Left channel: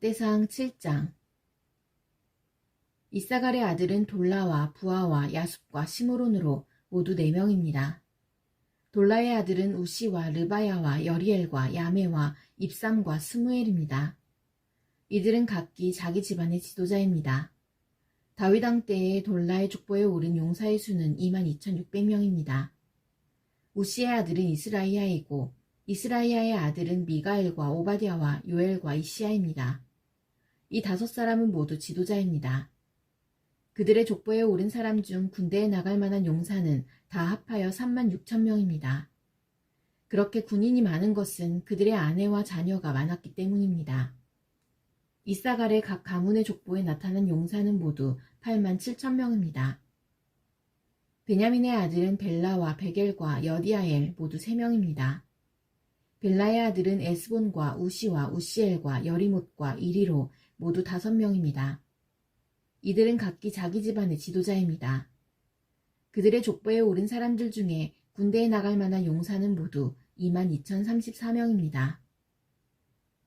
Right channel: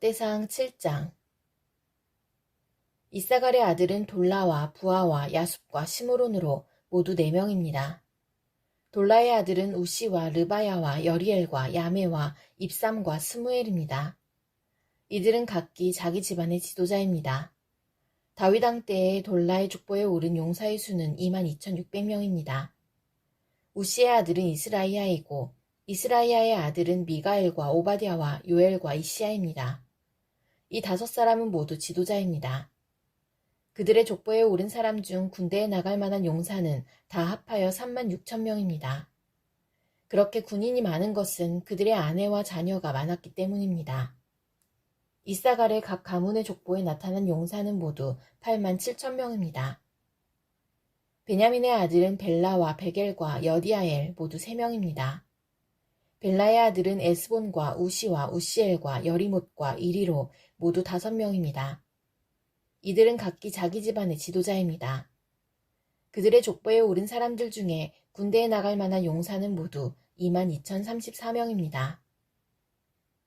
역대상 7장. 이사갈의 아들은 돌라와 부하와 야숲과 시므론으로 모두 4명입니다. 돌라의 아들은 우시와 르바야와 여리엘과 야메와 입삼과 스무엘입니다. 이들은 각기 자기 집안의 지도자입니다. 다윗 왕 때에 돌라의 족보에 오른 용사의 수는 22,600명입니다. 우시의 아들은 이스라이야이고 이스라이야의 아들은 미가엘과 오바댜와 요엘과 이시야입니다. 이 5사람은 모두 지도자입니다. 그들의 족보에 오른 사람 중 군대에 나갈 만한 용사는 다 합하여 36,000명입니다. 그렇게 군인이 많은 것은 그들의 아내와 자녀가 많았기 때문입니다. 이사갈의 각 가문의 족보에 나타난 용사는 모두 87,000명입니다. 베냐민의 아들은 벨라와 베겔과 여디아엘 모두 3명입니다. 벨라의 아들은 에스본과 우시와 우시엘과 여리못과 이리로 모두 5명입니다. 이들은 각기 자기 집안의 지도자입니다. 그들의 족보에 오른 사람들 중에 군대에 나갈 만한 용사는 모두 22,034명입니다.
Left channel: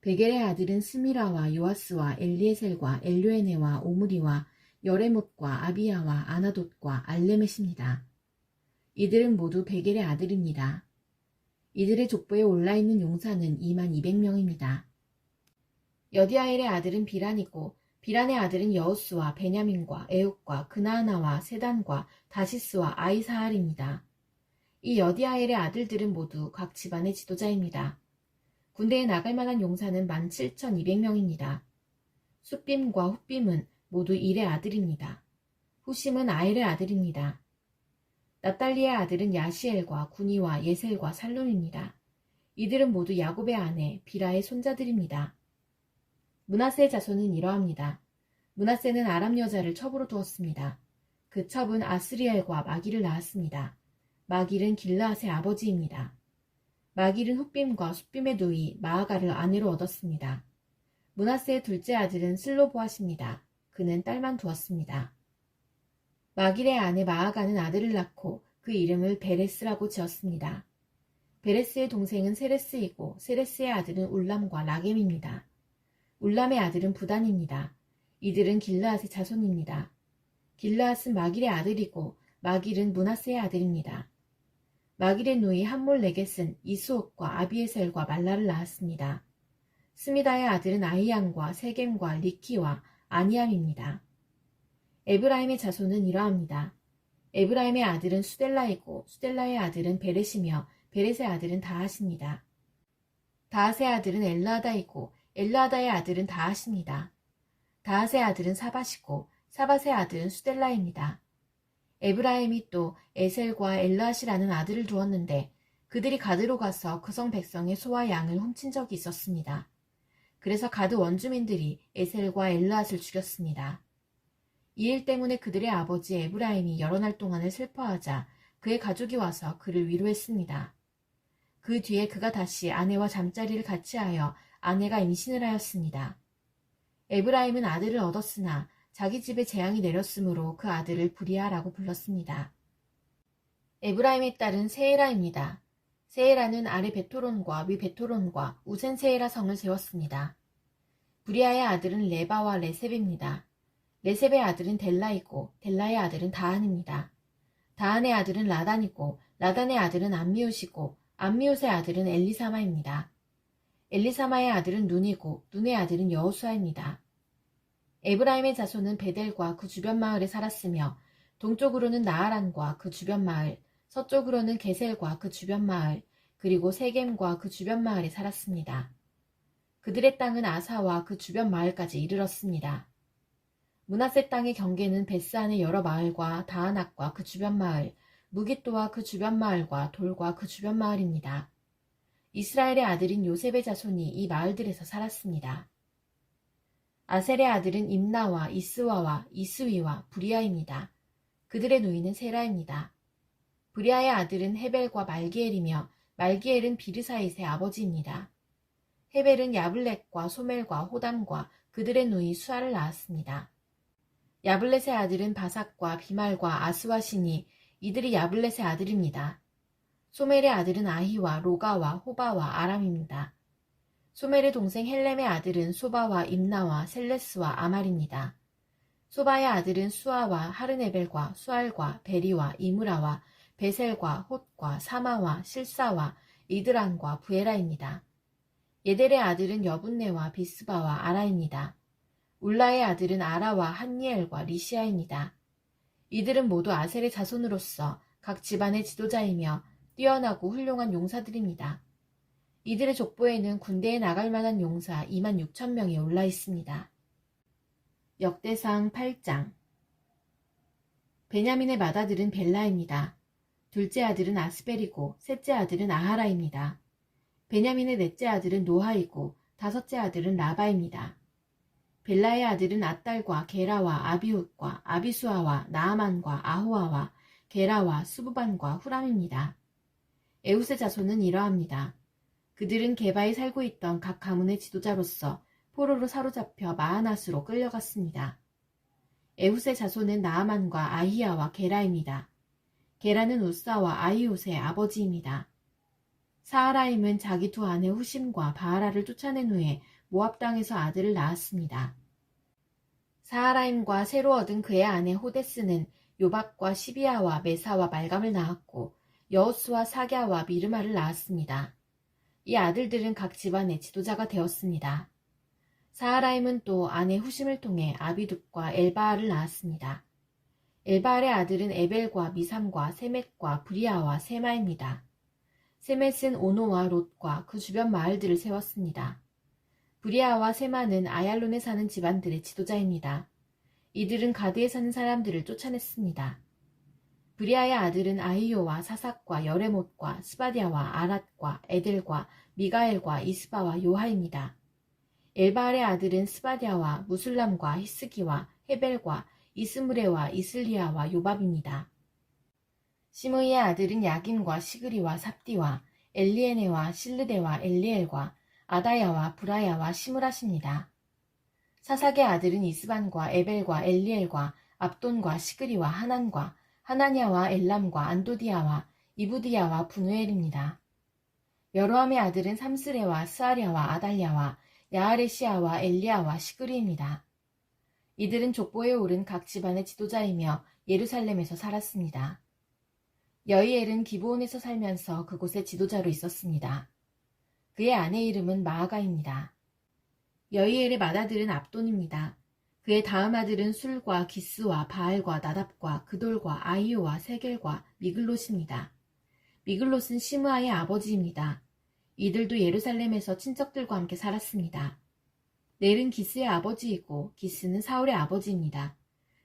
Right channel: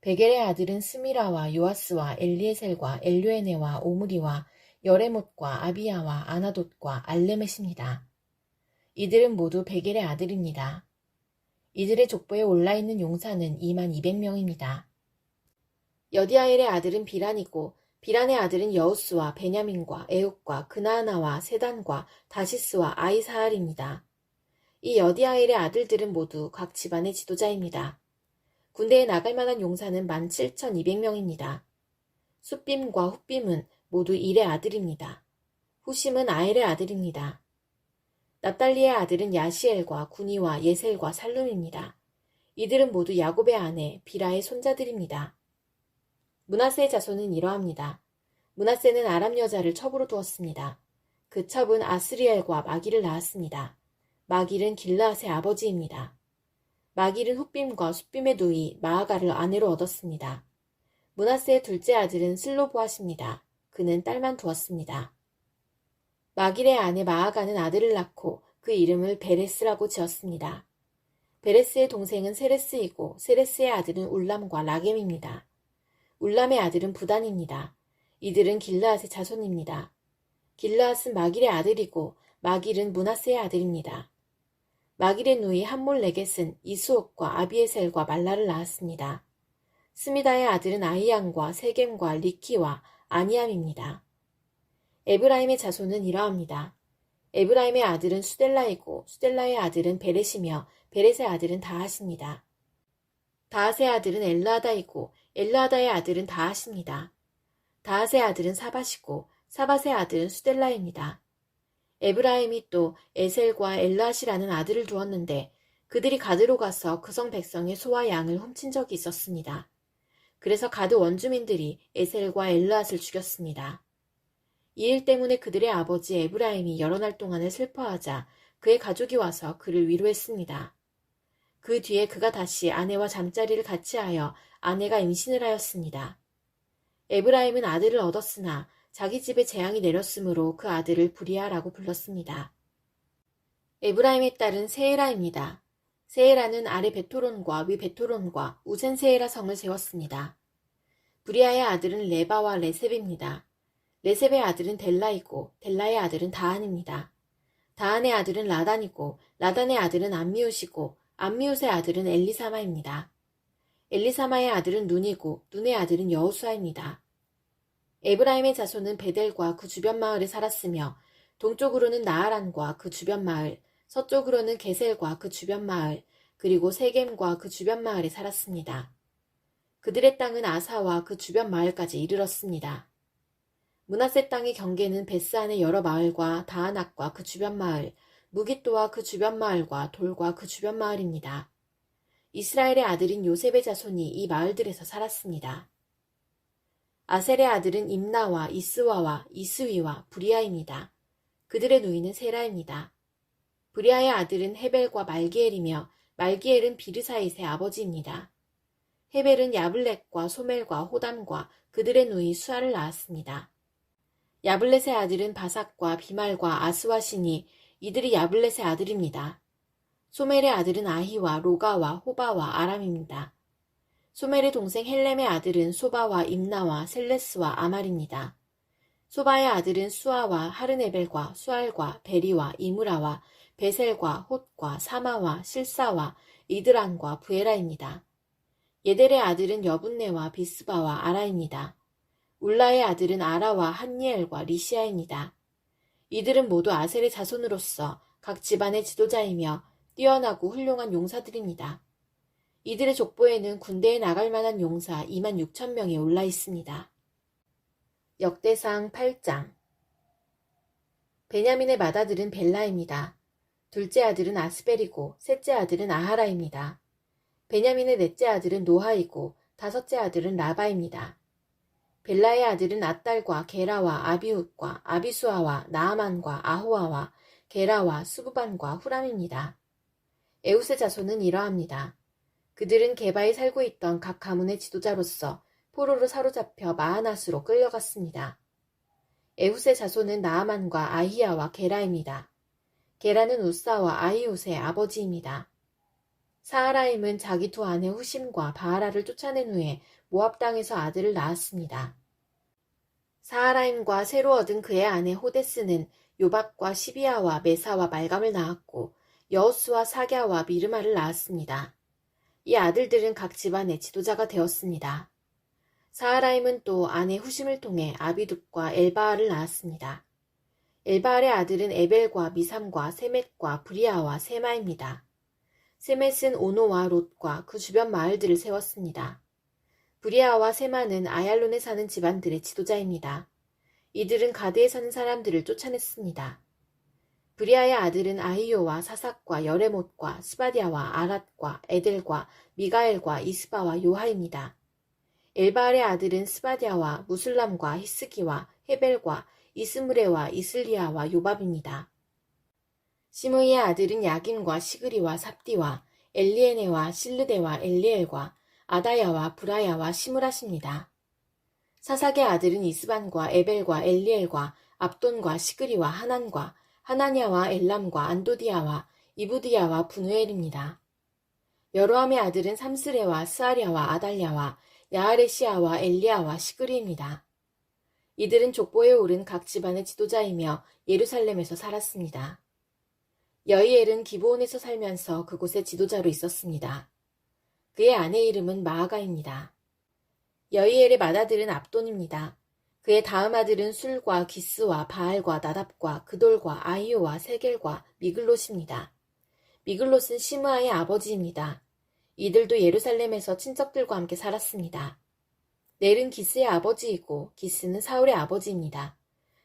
베겔의 아들은 스미라와 요아스와 엘리에셀과 엘류에네와 오므리와 여레못과 아비야와 아나돗과 알레멧입니다. 이들은 모두 베겔의 아들입니다. 이들의 족보에 올라있는 용사는 22,000명입니다. 여디아엘의 아들은 비란이고 비란의 아들은 여우스와 베냐민과 에욱과 그나아나와 세단과 다시스와 아이사알입니다. 이 여디아엘의 아들들은 모두 각 집안의 지도자입니다. 군대에 나갈 만한 용사는 17,200명입니다. 숫빔과 훗빔은 모두 일의 아들입니다. 후심은 아엘의 아들입니다. 납달리의 아들은 야시엘과 구니와 예셀과 살룸입니다. 이들은 모두 야곱의 아내 비라의 손자들입니다. 므낫세의 자손은 이러합니다. 므낫세는 아람 여자를 첩으로 두었습니다. 그 첩은 아스리엘과 마길을 낳았습니다. 마길은 길르앗의 아버지입니다. 마길은 훗빔과 숫빔의 누이 마아가를 아내로 얻었습니다. 므낫세의 둘째 아들은 슬로보앗입니다. 그는 딸만 두었습니다. 마길의 아내 마아가는 아들을 낳고 그 이름을 베레스라고 지었습니다. 베레스의 동생은 세레스이고 세레스의 아들은 울람과 라겜입니다. 울람의 아들은 부단입니다. 이들은 길르앗의 자손입니다. 길르앗은 마길의 아들이고 마길은 므낫세의 아들입니다. 마길의 누이 함몰레겟은 이수옥과 아비에셀과 말라를 낳았습니다. 스미다의 아들은 아히양과 세겜과 리키와 아니암입니다. 에브라임의 자손은 이러합니다. 에브라임의 아들은 수델라이고 수델라의 아들은 베렛이며 베렛의 아들은 다핫입니다. 다핫의 아들은 엘르하다이고 엘르하다의 아들은 다핫입니다. 다핫의 아들은 사밧이고 사밧의 아들은 수델라입니다. 에브라임이 또 에셀과 엘르핫이라는 아들을 두었는데 그들이 가드로 가서 그 성 백성의 소와 양을 훔친 적이 있었습니다. 그래서 가드 원주민들이 에셀과 엘르핫을 죽였습니다. 이 일 때문에 그들의 아버지 에브라임이 여러 날 동안을 슬퍼하자 그의 가족이 와서 그를 위로했습니다. 그 뒤에 그가 다시 아내와 잠자리를 같이 하여 아내가 임신을 하였습니다. 에브라임은 아들을 얻었으나 자기 집에 재앙이 내렸으므로 그 아들을 브리아라고 불렀습니다. 에브라임의 딸은 세에라입니다. 세에라는 아래 베토론과 위 베토론과 우센 세에라 성을 세웠습니다. 브리아의 아들은 레바와 레셉입니다. 레셉의 아들은 델라이고 델라의 아들은 다한입니다. 다한의 아들은 라단이고 라단의 아들은 암미웃이고 암미웃의 아들은 엘리사마입니다. 엘리사마의 아들은 눈이고 눈의 아들은 여호수아입니다. 에브라임의 자손은 베델과 그 주변 마을에 살았으며 동쪽으로는 나하란과 그 주변 마을, 서쪽으로는 게셀과 그 주변 마을, 그리고 세겜과 그 주변 마을에 살았습니다. 그들의 땅은 아사와 그 주변 마을까지 이르렀습니다. 므낫세 땅의 경계는 베스안의 여러 마을과 다아낙과 그 주변 마을, 무깃도와 그 주변 마을과 돌과 그 주변 마을입니다. 이스라엘의 아들인 요셉의 자손이 이 마을들에서 살았습니다. 아셀의 아들은 임나와 이스와와 이스위와 브리아입니다. 그들의 누이는 세라입니다. 브리아의 아들은 헤벨과 말기엘이며 말기엘은 비르사잇의 아버지입니다. 헤벨은 야블렛과 소멜과 호담과 그들의 누이 수아를 낳았습니다. 야블렛의 아들은 바삭과 비말과 아스와시니 이들이 야블렛의 아들입니다. 소멜의 아들은 아히와 로가와 호바와 아람입니다. 소멜의 동생 헬렘의 아들은 소바와 임나와 셀레스와 아말입니다. 소바의 아들은 수아와 하르네벨과 수알과 베리와 이무라와 베셀과 홑과 사마와 실사와 이드란과 부에라입니다. 예델의 아들은 여분네와 비스바와 아라입니다. 울라의 아들은 아라와 한니엘과 리시아입니다. 이들은 모두 아셀의 자손으로서 각 집안의 지도자이며 뛰어나고 훌륭한 용사들입니다. 이들의 족보에는 군대에 나갈 만한 용사 2만 6천 명이 올라 있습니다. 역대상 8장. 베냐민의 맏아들은 벨라입니다. 둘째 아들은 아스벨이고 셋째 아들은 아하라입니다. 베냐민의 넷째 아들은 노하이고 다섯째 아들은 라바입니다. 벨라의 아들은 앗달과 게라와 아비훗과 아비수아와 나아만과 아호아와 게라와 수부반과 후람입니다. 에웃의 자손은 이러합니다. 그들은 게바에 살고 있던 각 가문의 지도자로서 포로로 사로잡혀 마하낫으로 끌려갔습니다. 에훗의 자손은 나아만과 아히야와 게라입니다. 게라는 우사와 아히웃의 아버지입니다. 사하라임은 자기 두 아내 후심과 바하라를 쫓아낸 후에 모압 땅에서 아들을 낳았습니다. 사하라임과 새로 얻은 그의 아내 호데스는 요밥과 시비아와 메사와 말감을 낳았고 여호수와 사갸와 미르마를 낳았습니다. 이 아들들은 각 집안의 지도자가 되었습니다. 사하라임은 또 아내 후심을 통해 아비둡과 엘바알을 낳았습니다. 엘바알의 아들은 에벨과 미삼과 세멧과 브리아와 세마입니다. 세멧은 오노와 롯과 그 주변 마을들을 세웠습니다. 브리아와 세마는 아얄론에 사는 집안들의 지도자입니다. 이들은 가드에 사는 사람들을 쫓아냈습니다. 브리아의 아들은 아히요와 사삭과 여레못과 스바디아와 아랏과 에델과 미가엘과 이스바와 요하입니다. 엘바알의 아들은 스바디아와 무술람과 히스기와 헤벨과 이스무레와 이슬리아와 요밥입니다. 시므이의 아들은 야김과 시그리와 삽디와 엘리에네와 실르데와 엘리엘과 아다야와 브라야와 시므라십니다. 사삭의 아들은 이스반과 에벨과 엘리엘과 압돈과 시그리와 하난과 하나냐와 엘람과 안도디아와 이부디아와 분우엘입니다. 여로함의 아들은 삼스레와 스아랴와 아달랴와 야아레시아와 엘리야와 시그리입니다. 이들은 족보에 오른 각 집안의 지도자이며 예루살렘에서 살았습니다. 여이엘은 기브온에서 살면서 그곳의 지도자로 있었습니다. 그의 아내 이름은 마아가입니다. 여이엘의 맏아들은 압돈입니다. 그의 다음 아들은 술과 기스와 바알과 나답과 그돌과 아히오와 세겔과 미글롯입니다. 미글롯은 시므아의 아버지입니다. 이들도 예루살렘에서 친척들과 함께 살았습니다. 넬은 기스의 아버지이고 기스는 사울의 아버지입니다.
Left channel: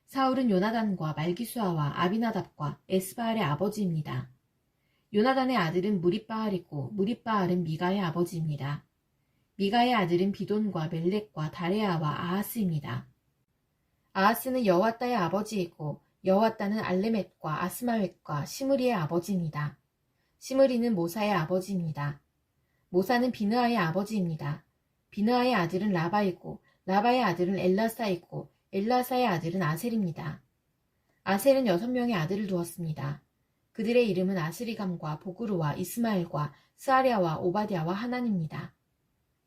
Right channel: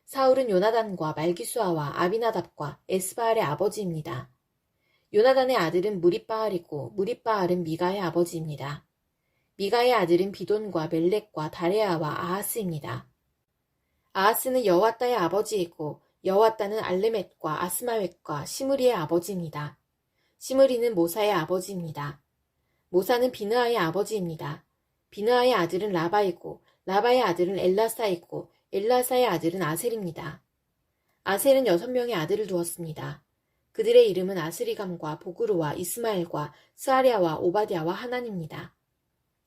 사울은 요나단과 말기수아와 아비나답과 에스바알의 아버지입니다. 요나단의 아들은 무립바알이고 무립바알은 미가의 아버지입니다. 미가의 아들은 비돈과 멜렉과 다레아와 아하스입니다. 아하스는 여호와따의 아버지이고 여호와따는 알레멧과 아스마웻과 시므리의 아버지입니다. 시므리는 모사의 아버지입니다. 모사는 비느아의 아버지입니다. 비느아의 아들은 라바이고 라바의 아들은 엘라사이고 엘라사의 아들은 아셀입니다. 아셀은 6명의 아들을 두었습니다. 그들의 이름은 아스리감과 보그루와 이스마엘과 스아랴와 오바댜와 하난입니다.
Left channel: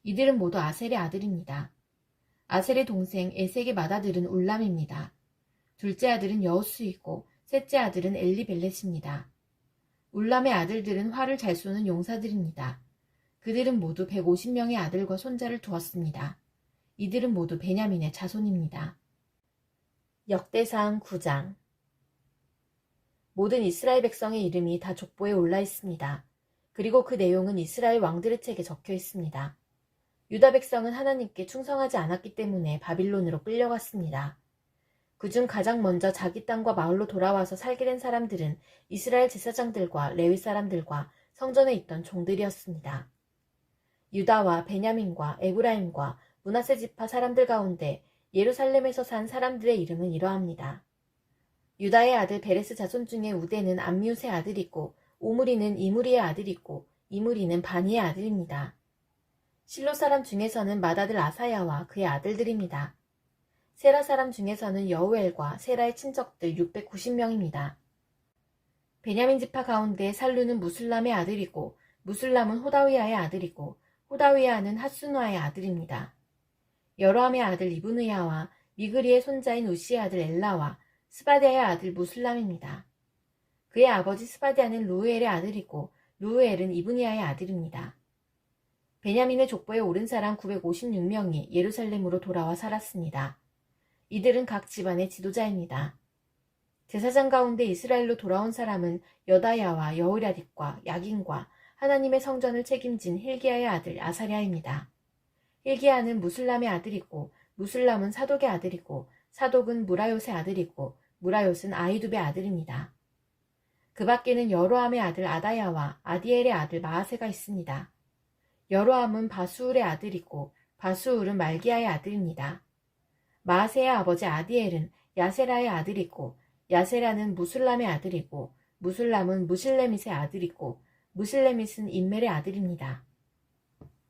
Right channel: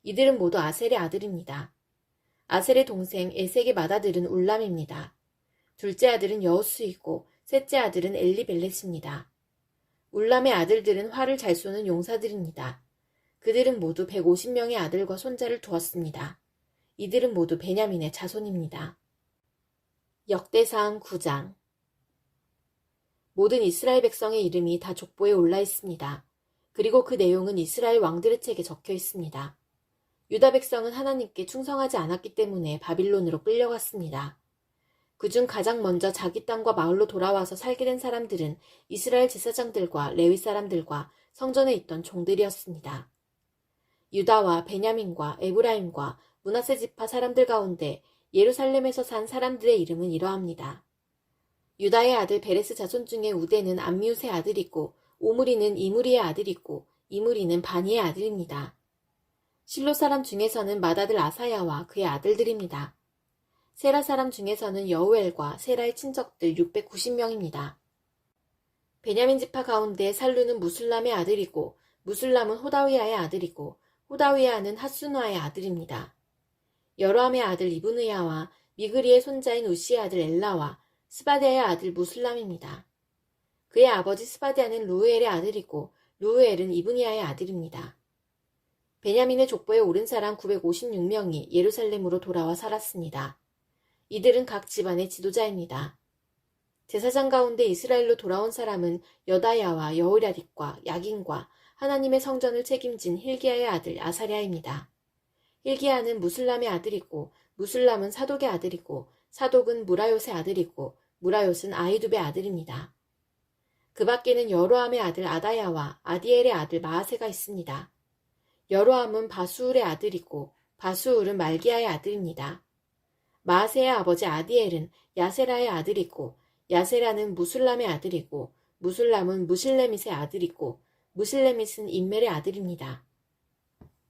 이들은 모두 아셀의 아들입니다. 아셀의 동생 에색의 맏아들은 울람입니다. 둘째 아들은 여호수이고 셋째 아들은 엘리벨렛입니다. 울람의 아들들은 활을 잘 쏘는 용사들입니다. 그들은 모두 150명의 아들과 손자를 두었습니다. 이들은 모두 베냐민의 자손입니다. 역대상 9장. 모든 이스라엘 백성의 이름이 다 족보에 올라 있습니다. 그리고 그 내용은 이스라엘 왕들의 책에 적혀 있습니다. 유다 백성은 하나님께 충성하지 않았기 때문에 바빌론으로 끌려갔습니다. 그중 가장 먼저 자기 땅과 마을로 돌아와서 살게 된 사람들은 이스라엘 제사장들과 레위 사람들과 성전에 있던 종들이었습니다. 유다와 베냐민과 에브라임과 므낫세 지파 사람들 가운데 예루살렘에서 산 사람들의 이름은 이러합니다. 유다의 아들 베레스 자손 중에 우데는 암미웃의 아들이고 오므리는 이무리의 아들이고 이무리는 바니의 아들입니다. 실로 사람 중에서는 맏아들 아사야와 그의 아들들입니다. 세라 사람 중에서는 여우엘과 세라의 친척들 690명입니다. 베냐민 지파 가운데 살루는 무술람의 아들이고 무술람은 호다위아의 아들이고 호다위아는 핫수누아의 아들입니다. 여로함의 아들 이브느야와 미그리의 손자인 우시의 아들 엘라와 스바디아의 아들 무술람입니다. 그의 아버지 스바디아는 루우엘의 아들이고 루우엘은 이브니아의 아들입니다. 베냐민의 족보에 오른 사람 956명이 예루살렘으로 돌아와 살았습니다. 이들은 각 집안의 지도자입니다. 제사장 가운데 이스라엘로 돌아온 사람은 여다야와 여우랴립과 야긴과 하나님의 성전을 책임진 힐기야의 아들 아사랴입니다. 힐기야는 무술람의 아들이고 무술람은 사독의 아들이고 사독은 무라요의 아들이고 무라요는 아히두베의 아들입니다. 그 밖에는 여로함의 아들 아다야와 아디엘의 아들 마아세가 있습니다. 여로함은 바수울의 아들이고 바수울은 말기야의 아들입니다. 마아세의 아버지 아디엘은 야세라의 아들이고 야세라는 무술람의 아들이고 무술람은 무실레밋의 아들이고 무실레밋은 인멜의 아들입니다.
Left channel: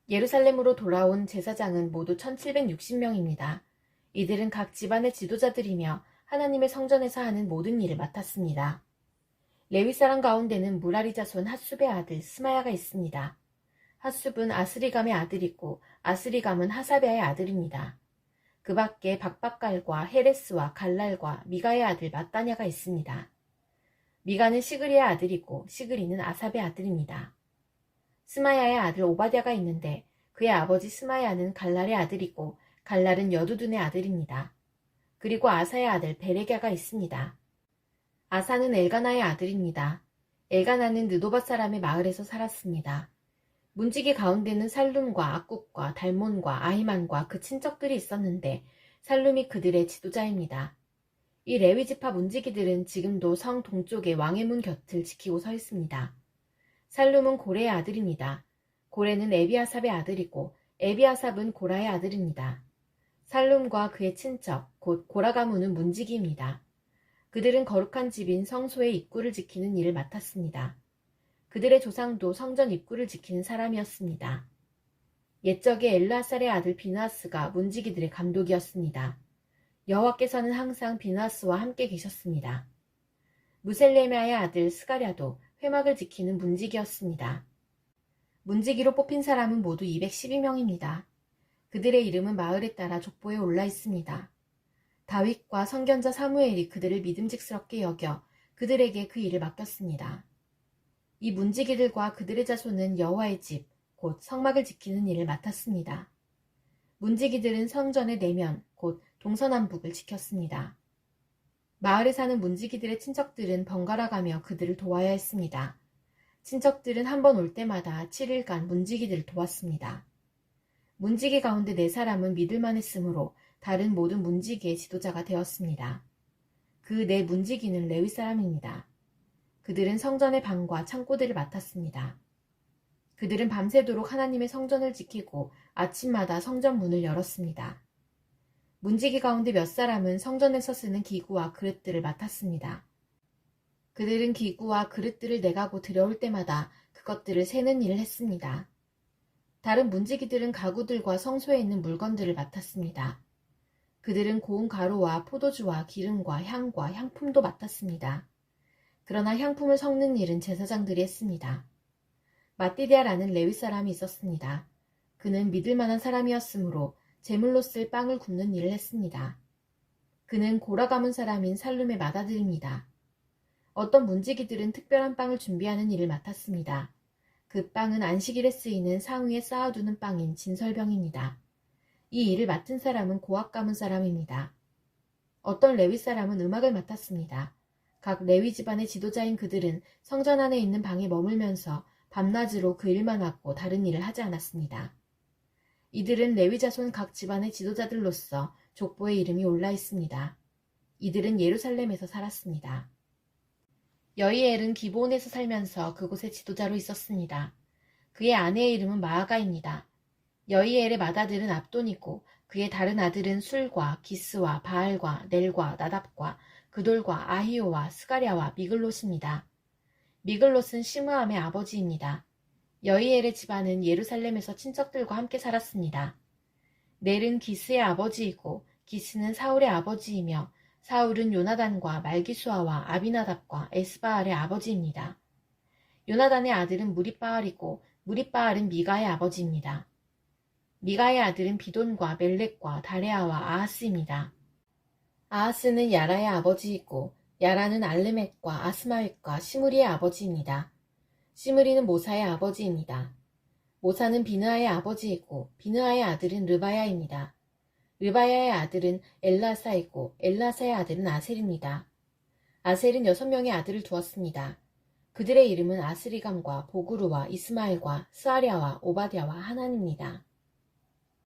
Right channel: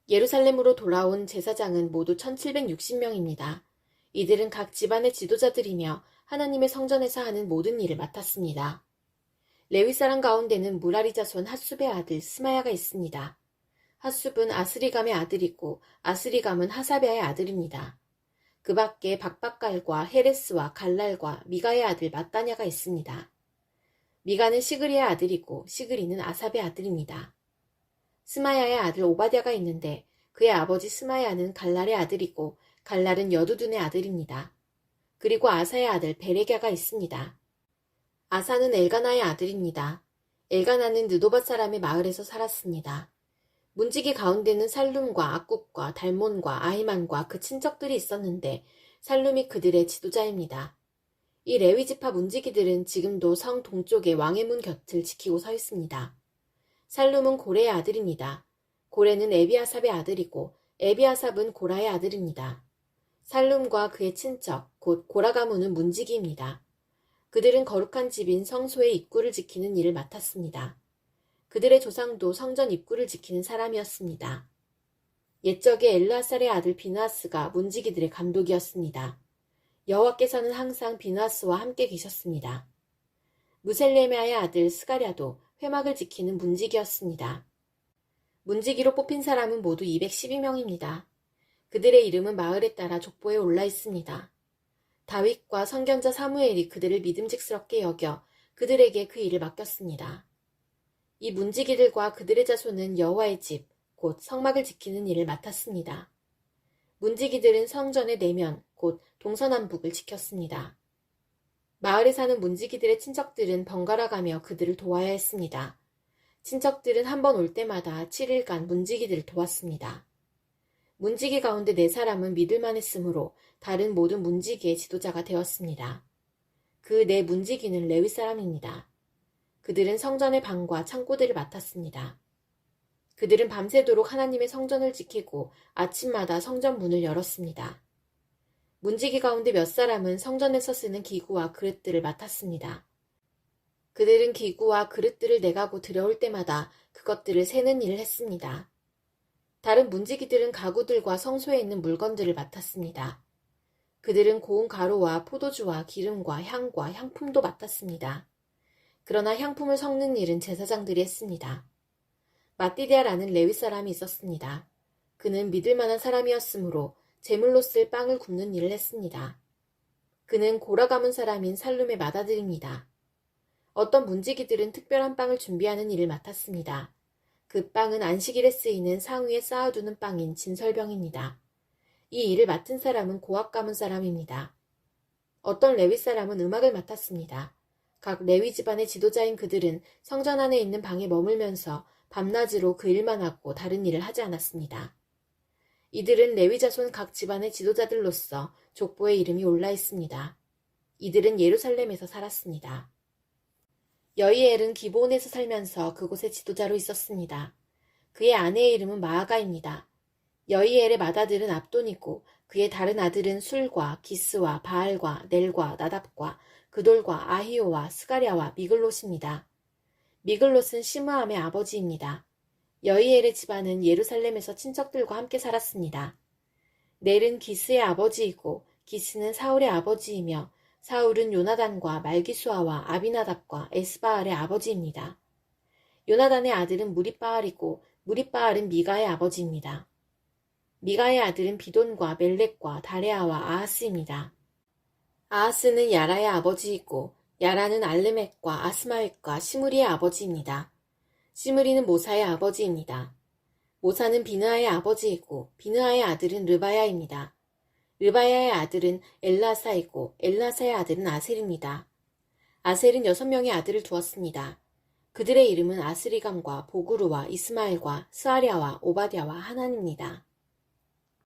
예루살렘으로 돌아온 제사장은 모두 1760명입니다. 이들은 각 집안의 지도자들이며 하나님의 성전에서 하는 모든 일을 맡았습니다. 레위 사람 가운데는 무라리 자손 핫숲의 아들 스마야가 있습니다. 핫숲은 아스리감의 아들이고 아스리감은 하사베아의 아들입니다. 그 밖에 박박갈과 헤레스와 갈랄과 미가의 아들 마따냐가 있습니다. 미가는 시그리의 아들이고 시그리는 아삽의 아들입니다. 스마야의 아들 오바댜가 있는데 그의 아버지 스마야는 갈랄의 아들이고 갈랄은 여두둔의 아들입니다. 그리고 아사의 아들 베레갸가 있습니다. 아사는 엘가나의 아들입니다. 엘가나는 느도밧 사람의 마을에서 살았습니다. 문지기 가운데는 살룸과 악국과 달몬과 아히만과 그 친척들이 있었는데 살룸이 그들의 지도자입니다. 이 레위지파 문지기들은 지금도 성 동쪽의 왕의 문 곁을 지키고 서 있습니다. 살룸은 고레의 아들입니다. 고레는 에비아삽의 아들이고 에비아삽은 고라의 아들입니다. 살룸과 그의 친척 곧 고라 가문은 문지기입니다. 그들은 거룩한 집인 성소의 입구를 지키는 일을 맡았습니다. 그들의 조상도 성전 입구를 지키는 사람이었습니다. 옛적에 엘르아살의 아들 비느하스가 문지기들의 감독이었습니다. 여호와께서는 항상 비느하스와 함께 계셨습니다. 무셀레메아의 아들 스가랴도 회막을 지키는 문지기였습니다. 문지기로 뽑힌 사람은 모두 212명입니다. 그들의 이름은 마을에 따라 족보에 올라 있습니다. 다윗과 선견자 사무엘이 그들을 믿음직스럽게 여겨 그들에게 그 일을 맡겼습니다. 이 문지기들과 그들의 자손은 여호와의 집, 곧 성막을 지키는 일을 맡았습니다. 문지기들은 성전의 내면, 곧 동서남북을 지켰습니다. 마을에 사는 문지기들의 친척들은 번갈아 가며 그들을 도와야 했습니다. 친척들은 한 번 올 때마다 7일간 문지기들을 도왔습니다. 문지기 가운데 4사람은 믿을만 했으므로 다른 모든 문지기의 지도자가 되었습니다. 그 4 문지기는 레위 사람입니다. 그들은 성전의 방과 창고들을 맡았습니다. 그들은 밤새도록 하나님의 성전을 지키고 아침마다 성전 문을 열었습니다. 문지기 가운데 몇 사람은 성전에서 쓰는 기구와 그릇들을 맡았습니다. 그들은 기구와 그릇들을 내가고 들여올 때마다 그것들을 세는 일을 했습니다. 다른 문지기들은 가구들과 성소에 있는 물건들을 맡았습니다. 그들은 고운 가루와 포도주와 기름과 향과 향품도 맡았습니다. 그러나 향품을 섞는 일은 제사장들이 했습니다. 마띠디아라는 레위 사람이 있었습니다. 그는 믿을 만한 사람이었으므로 제물로 쓸 빵을 굽는 일을 했습니다. 그는 고라 가문 사람인 살룸의 맏아들입니다. 어떤 문지기들은 특별한 빵을 준비하는 일을 맡았습니다. 그 빵은 안식일에 쓰이는 상 위에 쌓아두는 빵인 진설병입니다. 이 일을 맡은 사람은 고학 가문 사람입니다. 어떤 레위 사람은 음악을 맡았습니다. 각 레위 집안의 지도자인 그들은 성전 안에 있는 방에 머물면서 밤낮으로 그 일만 하고 다른 일을 하지 않았습니다. 이들은 레위 자손 각 집안의 지도자들로서 족보에 이름이 올라 있습니다. 이들은 예루살렘에서 살았습니다. 여이엘은 기브온에서 살면서 그곳의 지도자로 있었습니다. 그의 아내의 이름은 마아가입니다. 여이엘의 맏아들은 압돈이고 그의 다른 아들은 술과 기스와 바알과 넬과 나답과 그돌과 아히오와 스가랴와 미글롯입니다. 미글롯은 시므암의 아버지입니다. 여이엘의 집안은 예루살렘에서 친척들과 함께 살았습니다. 넬은 기스의 아버지이고 기스는 사울의 아버지이며 사울은 요나단과 말기수아와 아비나답과 에스바알의 아버지입니다. 요나단의 아들은 무리바알이고 무리바알은 미가의 아버지입니다. 미가의 아들은 비돈과 멜렉과 다레아와 아하스입니다. 아하스는 야라의 아버지이고 야라는 알레멕과 아스마웻과 시므리의 아버지입니다. 시므리는 모사의 아버지입니다. 모사는 비느하의 아버지이고 비느하의 아들은 르바야입니다. 르바야의 아들은 엘라사이고 엘라사의 아들은 아셀입니다. 아셀은 6명의 아들을 두었습니다. 그들의 이름은 아스리감과 보그루와 이스마엘과 스아랴와 오바댜와 하난입니다.